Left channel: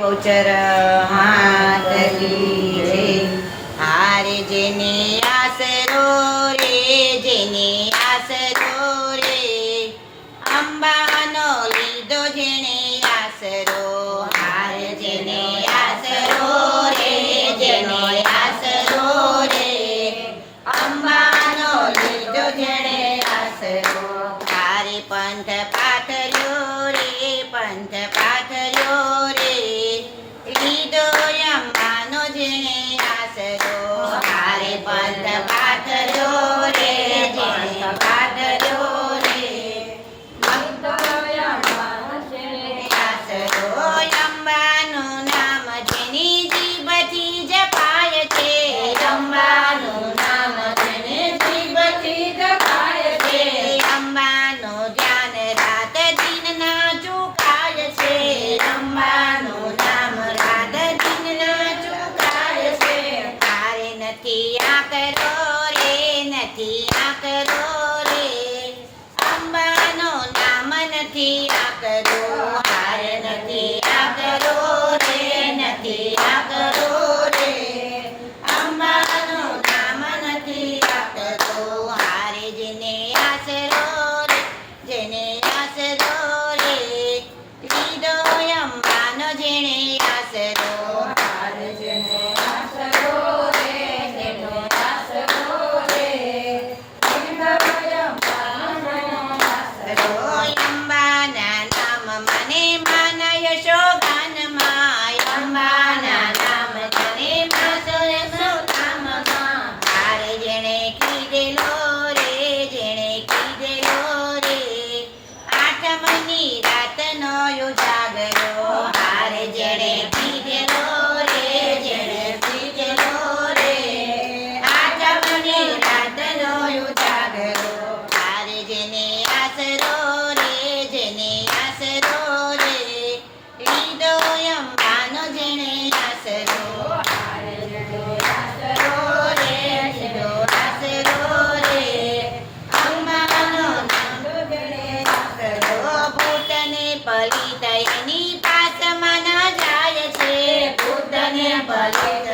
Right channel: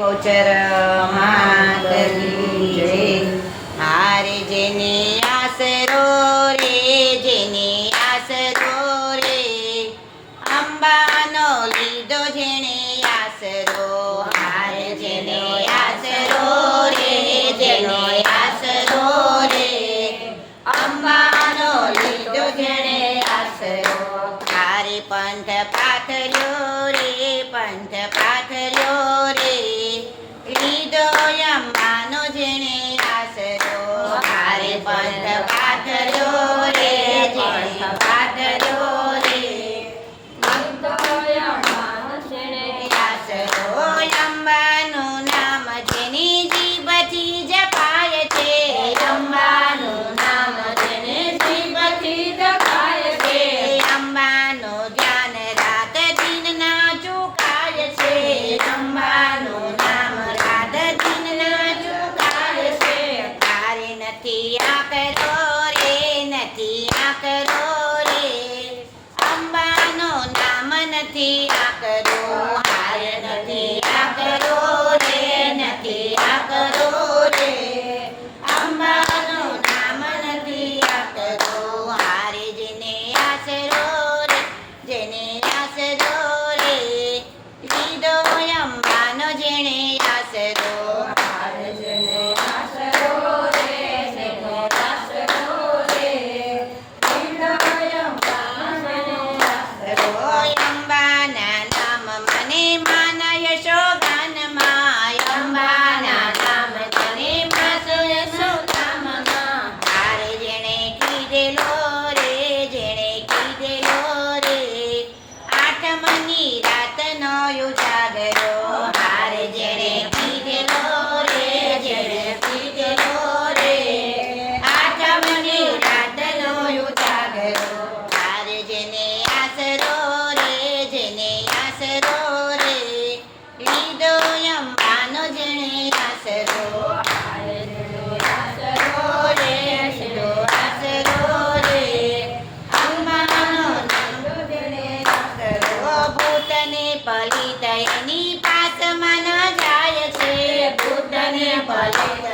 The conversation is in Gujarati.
ગૌચર માતની જય. હારે જેની આસરો રે, જેની આસરો રે, અંબાનો લીધો જેણે આસરો. હારે જેને આસરો રે, જેને આસરો રે, અંબાનો લીધો જેણે આસરો. હારે પંથ પાથર્યો રે, પંથ પાથર્યો રે, લીધો અંબાનો જેણે આસરો. હારે પંથ પાથર્યો રે, જેણે પાથર્યો રે, લીધો અંબાનો જેણે આસરો. અંબાનું નામ જેની જીભથી જપાય છે, અંબાનું નામ જેની જીભથી જપાય છે, અંબાનો ધ્યાન રાત દિન ના ચૂકાય છે, અંબાનું નામ રાત દિન ના ચૂકાય છે. તારે નથી આકરો રે, નથી આકરો રે, અંબાનું નામ નથી આકરો. હાર નથી આકરો રે, નથી આકરો રે, અંબાનું નામ નથી આકરો. હારે જેને આસરો રે, જેને આસરો રે, લીધો અંબાનો જેણે આસરો. હારે જેને આસરો રે, જેને આસરો રે, લીધો અંબાનો આસરો. અંબાના નામ મને માન યશોગાનમાં, અંબાના નામ મને માન યશોગાનમાં. હારે જેણે કીધેલો રે, જેણે કીધેલો રે, આઠમની રાતનો ઉજાગરો. હારે જેણે કીધેલો રે, જેણે કીધેલો રે, આઠમની રાતનો ઉજાગરો. હારે જેને આસરો રે, જેને આસરો રે, લીધો અંબાનો જેણે આસરો. હારે જેને આસરો રે, લીધો આસરો રે, અંબાનો લીધો જેણે આસરો. ભૂતને પલિત એની પાસમાં ન જાય છે, ભૂતને પલિત